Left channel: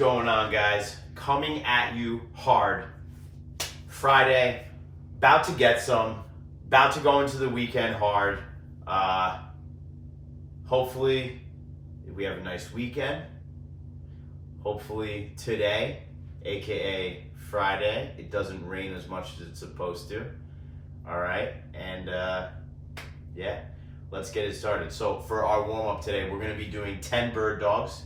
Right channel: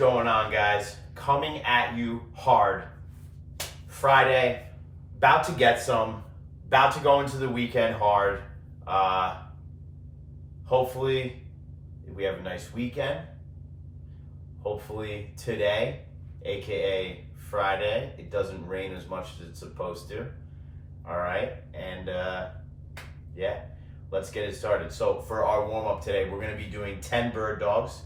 going on, guys? Coming at you hard. Friday, about to get some, about to go into the weekend hard. Hopefully we have a nice weekend. Hopefully today, aka Friday, it doesn't rain as much as it's supposed to. All right, and yeah, let's get it started. So for our warm-up today, we're going to be doing 10 bird dogs,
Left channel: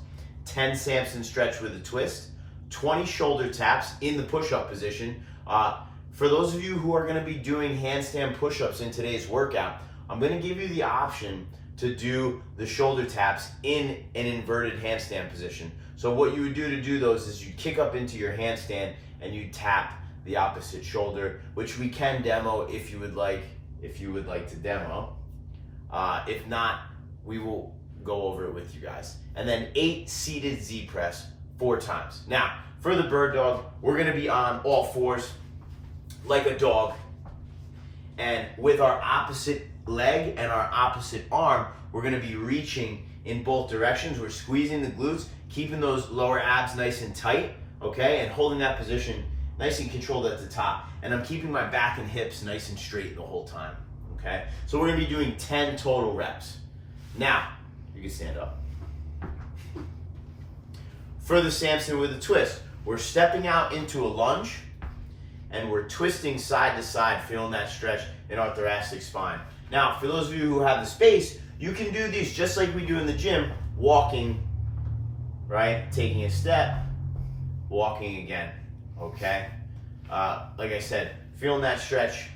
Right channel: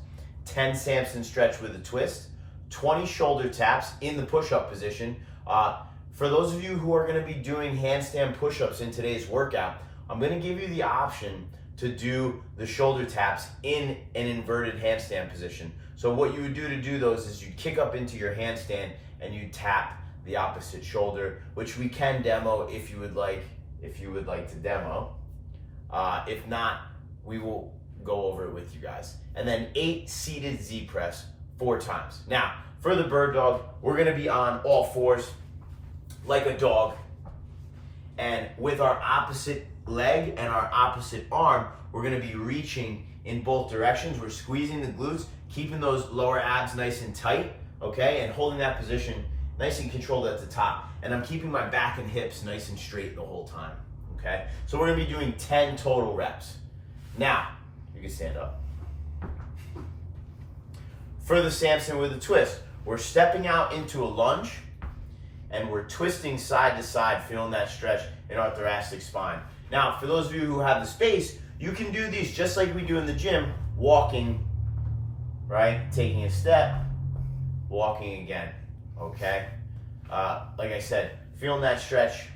10 Samson stretch with a twist, 20 shoulder taps in the push-up position. For those of you who are going to be doing handstand push-ups in today's workout, I'm going to give you the option to do the shoulder taps in an inverted handstand position. So what you would do to do those is you'd kick up into your handstand and you tap the opposite shoulder, which we can demo if you would like to demo. If not, we will go over it with you guys. And then 8 seated Z press 4 times. Now, for the bird dog, we're gonna be on all fours like a dog. And with our opposite leg and our opposite arm, we're gonna be reaching in both directions. We're squeezing the glutes, keeping those lower abs nice and tight, okay? And holding that position nice and controlled at the top. And I'm keeping my back and hips nice and straight the whole time, okay? So we're gonna be doing 10 total reps. Now, you can stand up. For the Samson with a twist, we're stepping out into a lunge and we're twisting side to side, feeling that stretch in our thoracic spine. Now, for those of you who have the space, you can do these just like we do in the gym, walking, right? Taking a step, walking again, okay? Like I said, feeling that stretch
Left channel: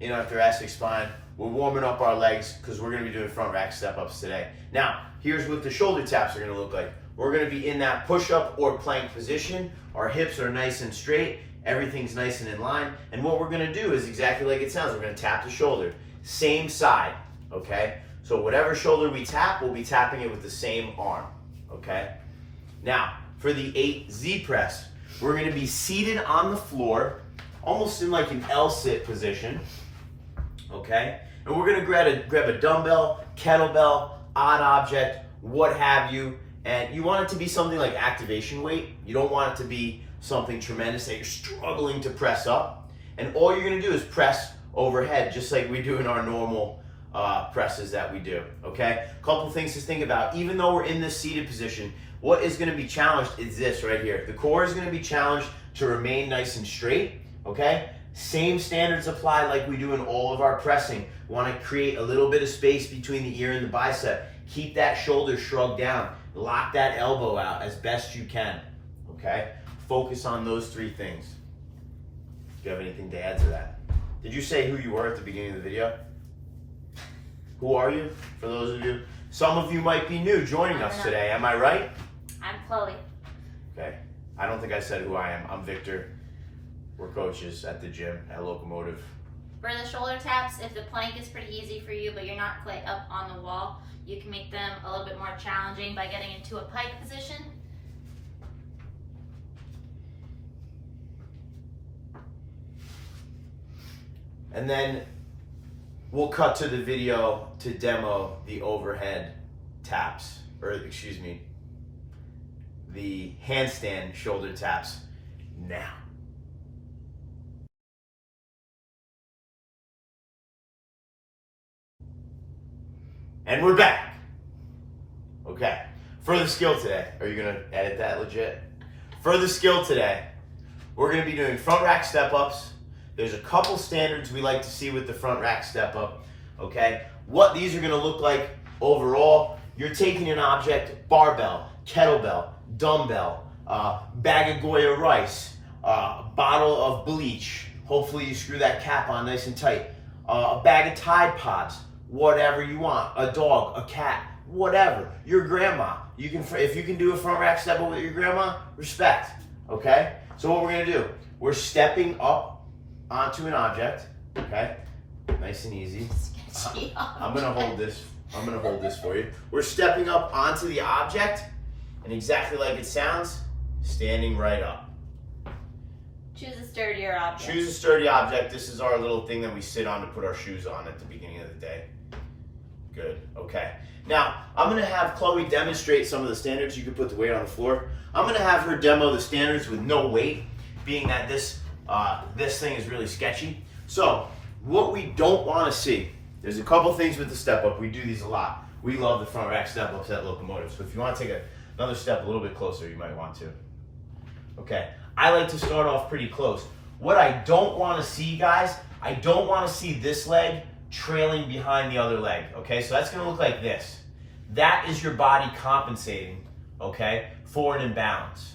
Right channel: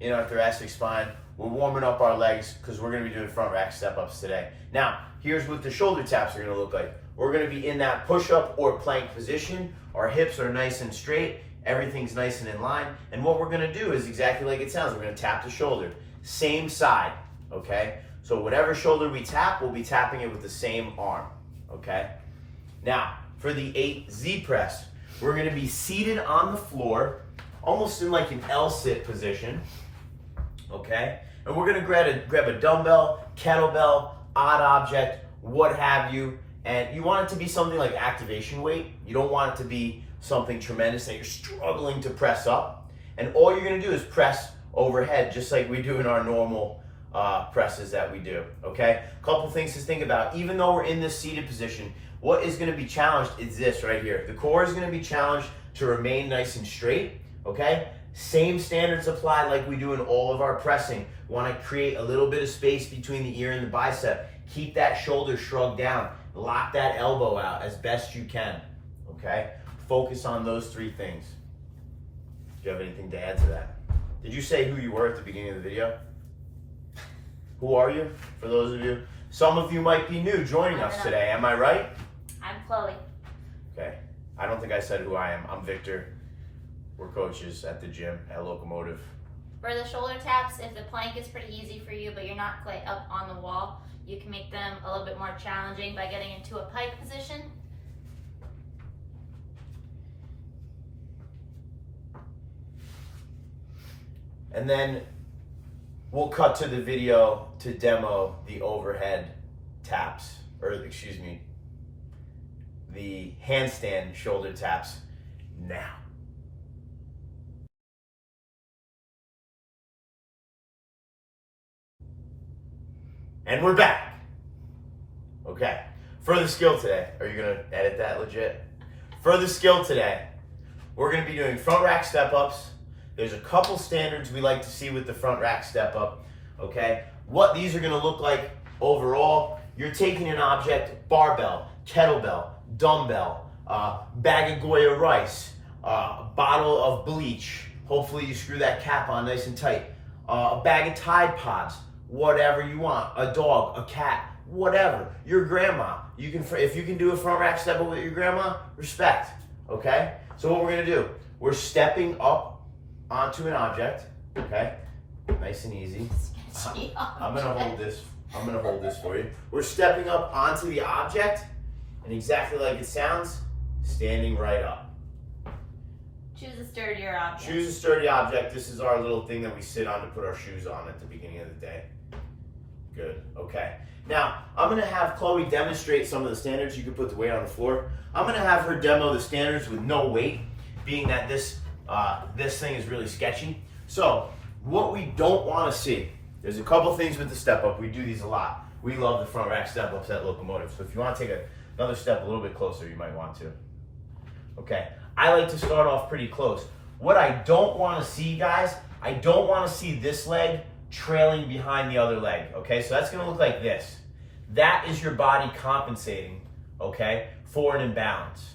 in our thoracic spine. We're warming up our legs because we're gonna be doing front rack step-ups today. Now, here's what the shoulder taps are gonna look like. We're gonna be in that push-up or plank position. Our hips are nice and straight. Everything's nice and in line. And what we're gonna do is exactly like it sounds. We're gonna tap the shoulder. Same side, okay? So whatever shoulder we tap, we'll be tapping it with the same arm, okay? Now, for the 8 Z press, we're gonna be seated on the floor, almost in like an L-sit position, okay? And we're gonna grab a dumbbell, kettlebell, odd object, what have you, and you want it to be something like activation weight. You don't want it to be something tremendous that you're struggling to press up. And all you're gonna do is press overhead, just like we do in our normal presses that we do, okay? Couple things to think about. Even though we're in this seated position, what is gonna be challenged is this right here. The core is gonna be challenged to remain nice and straight, okay? Same standards apply like we do in all of our pressing. Want to create a little bit of space between the ear and the bicep. Keep that shoulder shrugged down. Lock that elbow out as best you can, okay? Focus on those 3 things. Do you have anything to add to that? Did you say who you were at the beginning of the video? Who are you, for those of you? Some of you might be new joining us today, am I right? I'm Chloe. Okay, I don't think I said who I am. I'm Victor. We're coaches at the gym at Locomotive. For the shoulder taps, if the plank is pretty easy for you, but you're not quite up on the wall, you can make them a little bit more challenging by getting into a pike position. And then we'll cut to the video to demo the overhead taps, or excuse me, the handstand shoulder taps now. And we're back. Okay, for the skill today, are you gonna edit that legit? For the skill today, we're gonna be doing front rack step-ups. There's a couple standards we like to see with the front rack step-up, okay? What these are gonna look like overall, you're taking an object, barbell, kettlebell, dumbbell, bag of Goya rice, bottle of bleach, hopefully you screw that cap on nice and tight, a bag of Tide Pods, whatever you want, a dog, a cat, whatever, your grandma. You can, if you can do a front rack step up with your grandma, respect, okay? So what we're gonna do, we're stepping up onto an object, okay? Nice and easy. I'm gonna hold this for you. We're stepping up onto the object, and exactly like it sounds, standing right up. Choose a sturdier object. Choose a sturdy object. This is our little thing that we sit on to put our shoes on at the beginning of the day. Good, okay. Now, I'm gonna have Chloe demonstrate some of the standards. You can put the weight on the floor. I'm gonna have her demo the standards with no weight, being that this thing is really sketchy. So, what we don't wanna see, there's a couple things with the step up. We do these a lot. We love the front rack step ups at Locomotive. So if you wanna take another step a little bit closer, you might want to. Okay, I like to start off pretty close. What I don't wanna see, guys, I don't wanna see this leg trailing behind the other leg, okay? So that's gonna look like this. That is your body compensating, okay, for an imbalance,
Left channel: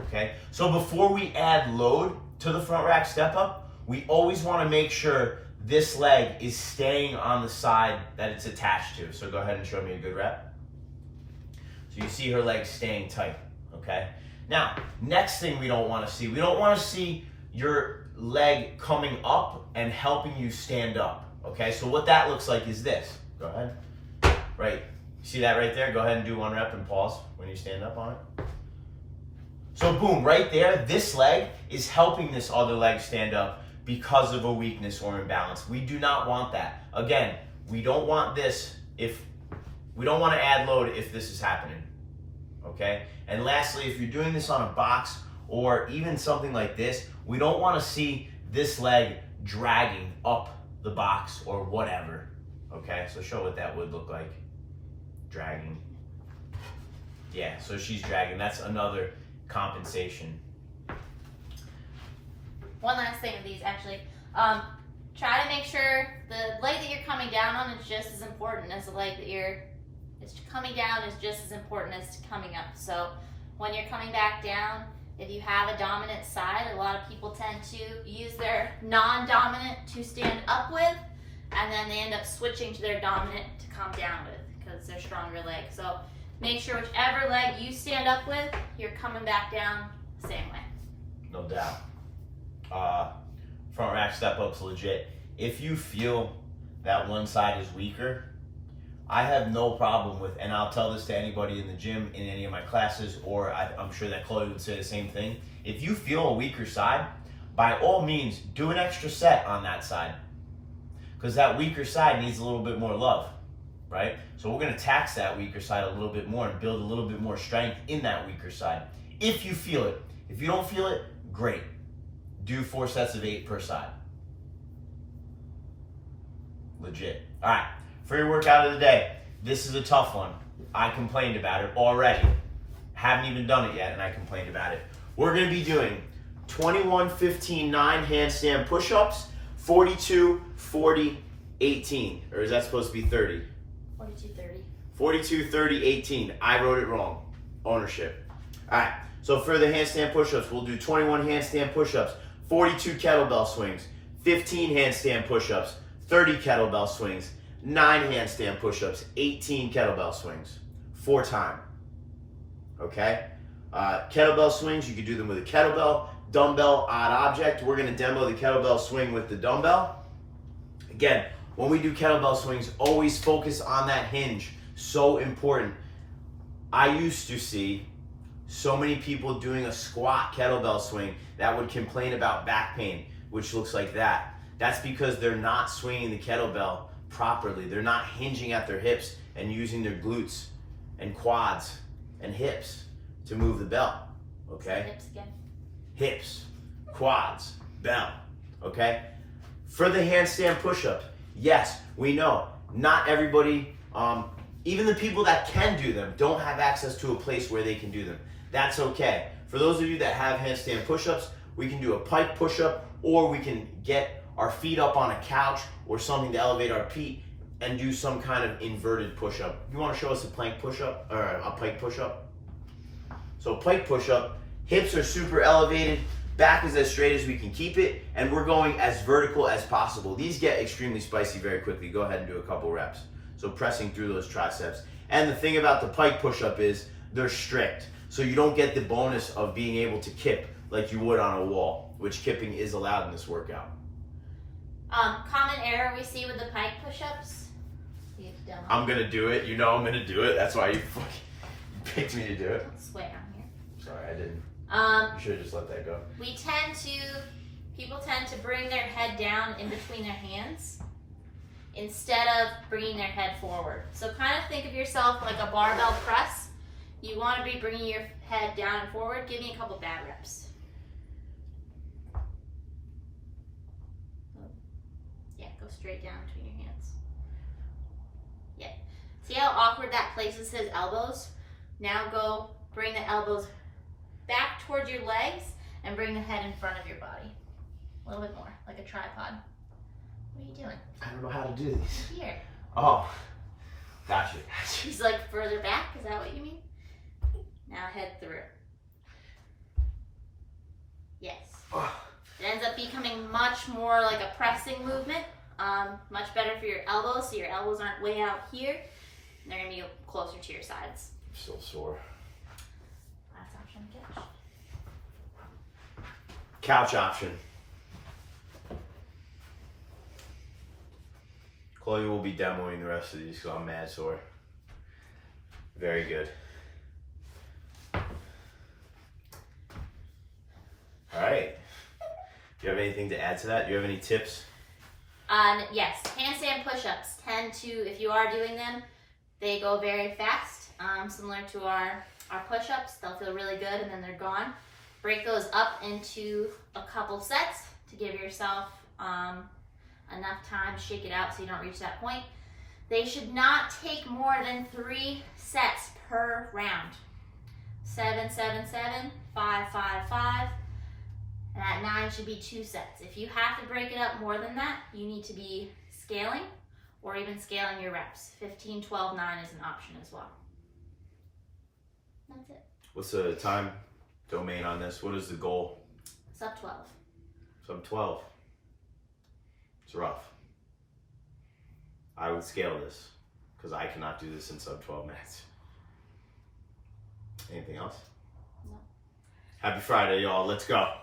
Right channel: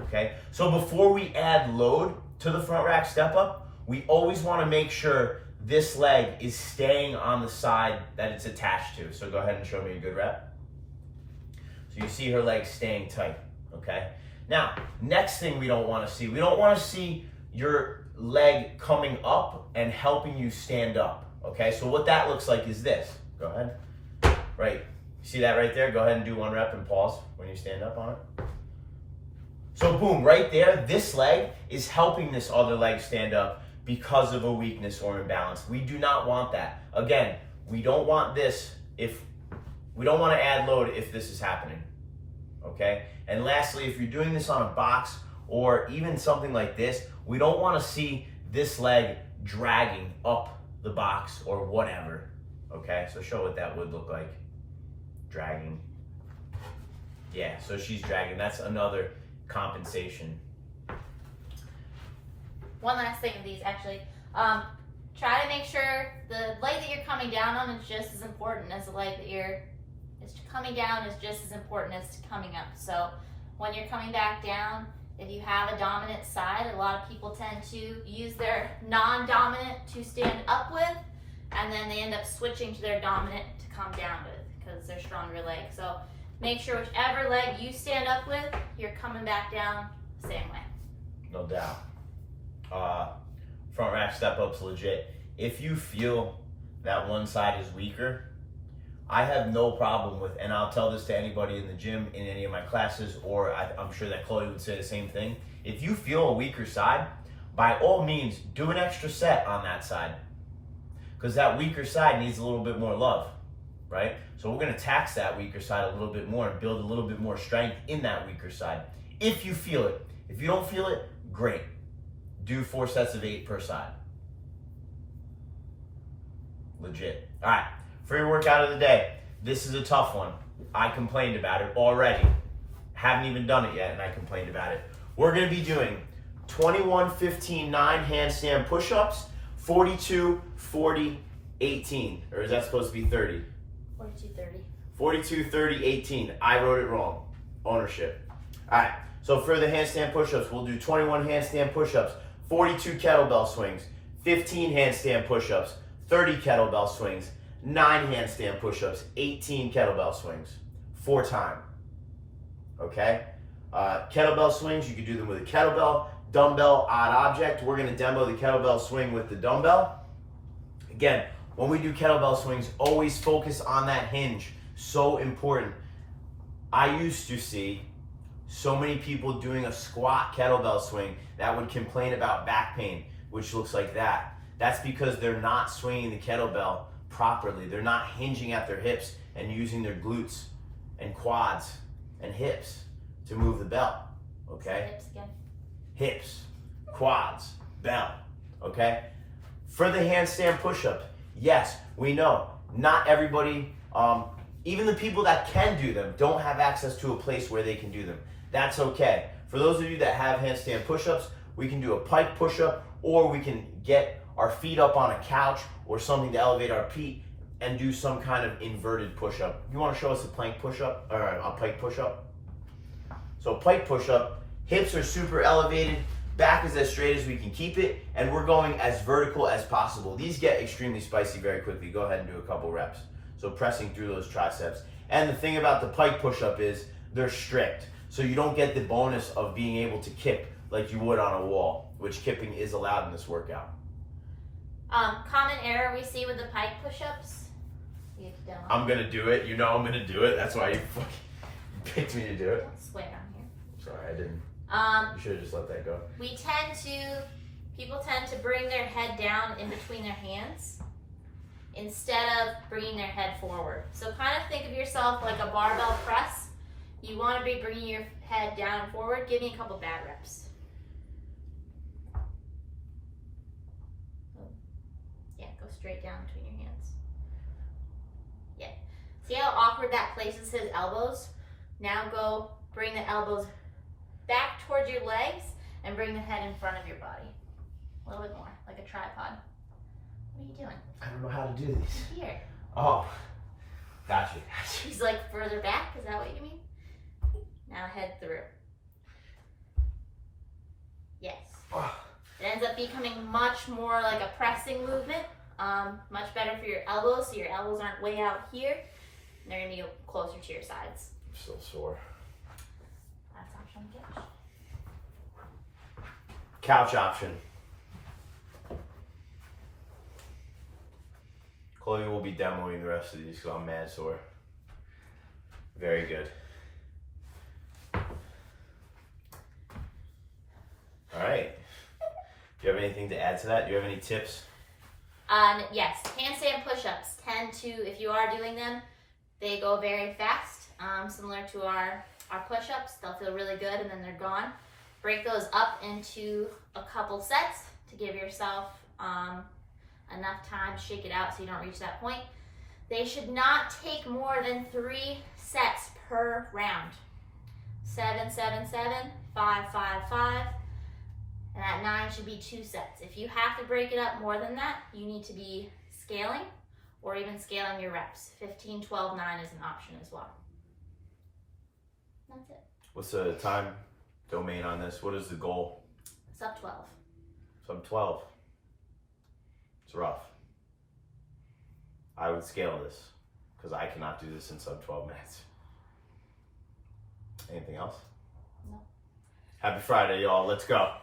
okay? So before we add load to the front rack step up, we always wanna make sure this leg is staying on the side that it's attached to. So go ahead and show me a good rep. So you see her leg staying tight, okay? Now, next thing we don't wanna see, we don't wanna see your leg coming up and helping you stand up, okay? So what that looks like is this. Go ahead. Right, see that right there? Go ahead and do one rep and pause when you stand up on it. So boom, right there, this leg is helping this other leg stand up because of a weakness or imbalance. We do not want that. Again, we don't want this we don't want to add load if this is happening, okay? And lastly, if you're doing this on a box or even something like this, we don't want to see this leg dragging up the box or whatever, okay? So show what that would look like, dragging. Yeah, so she's dragging. That's another compensation. One last thing with these, actually. Try to make sure the leg that you're coming down on is just as important as the leg that it's coming down is just as important as coming up. So when you're coming back down, if you have a dominant side, a lot of people tend to use their non-dominant to stand up with, and then they end up switching to their dominant to come down with because they're stronger leg. So make sure whichever leg you stand up with, you're coming back down the same way. No doubt. Front rack step up's legit. If you feel that one side is weaker, I have no problem with, and I'll tell this to anybody in the gym, in any of my classes, or I'm sure that Chloe would say the same thing. If you feel a weaker side, by all means, do an extra set on that side. Because that weaker side needs a little bit more love, right? So we're gonna tax that weaker side a little bit more and build a little bit more strength in that weaker side. If you feel it. If you don't feel it, great. Do 4 sets of 8 per side. Legit. All right, for your workout of the day, this is a tough one. I complained about it already. Haven't even done it yet, and I complained about it. We're gonna be doing 21, 15, 9 handstand push-ups, 42, 40, 18. Or is that supposed to be 30? 42, 30. 42, 30, 18. I wrote it wrong. Ownership. All right, so for the handstand push-ups, we'll do 21 handstand push-ups, 42 kettlebell swings, 15 handstand push-ups, 30 kettlebell swings, 9 handstand push-ups, 18 kettlebell swings, 4 times. Okay? Kettlebell swings, you can do them with a kettlebell, dumbbell, odd object. We're gonna demo the kettlebell swing with the dumbbell. Again, when we do kettlebell swings, always focus on that hinge. So important. I used to see so many people doing a squat kettlebell swing that would complain about back pain, which looks like that. That's because they're not swinging the kettlebell properly. They're not hinging at their hips and using their glutes and quads and hips to move the belt, okay? Hips again. Hips, quads, belt, okay? For the handstand push-ups, yes, we know not everybody, even the people that can do them, don't have access to a place where they can do them. That's okay. For those of you that have handstand push-ups, we can do a pike push-up, or we can get our feet up on a couch or something to elevate our feet and do some kind of inverted push-up. You want to show us a plank push-up or a pike push-up? So pike push-up, hips are super elevated, back is as straight as we can keep it, and we're going as vertical as possible. These get extremely spicy very quickly. Go ahead and do a couple reps. So pressing through those triceps. And the thing about the pike push-up is they're strict. So you don't get the bonus of being able to kip like you would on a wall, which kipping is allowed in this workout. Common error we see with the pike push-ups. I'm gonna do it. You know I'm gonna do it. That's why you picked me to do it. Don't swear on here. Sorry, I didn't. You should have just let that go. People tend to bring their head down in between their hands. instead of bringing their head forward. So kind of think of yourself like a barbell press. You want to be bringing your head down and forward. Give me a couple bad reps. Yeah, go straight down between your hands. Yeah. See how awkward that places his elbows? Now go bring the elbows back towards your legs and bring the head in front of your body. A little bit more, like a tripod. What are you doing? I don't know how to do these. Here. Oh, gotcha. He's like further back, is that what you mean? Now head through. Yes. It ends up becoming much more like a pressing movement. Much better for your elbows, so your elbows aren't way out here. And they're gonna be closer to your sides. I'm still sore. Last option on the couch. Couch option. Chloe will be demoing the rest of these because I'm mad sore. Very good. All right. Do you have anything to add to that? Do you have any tips? Yes, handstand push-ups tend to, if you are doing them, they go very fast, similar to our push-ups. They'll feel really good and then they're gone. Break those up into a couple sets to give yourself enough time to shake it out so you don't reach that point. They should not take more than 3 sets per round. 7, 7, 7, 5, 5, 5. And at 9 should be 2 sets. If you have to break it up more than that, you need to be scaling or even scaling your reps. 15, 12, 9 is an option as well. That's it. What's the time domain on this? What is the goal? Sub 12. Sub 12. It's rough. I would scale this because I cannot do this in sub 12 minutes. Anything else? No. Happy Friday, y'all. Let's go.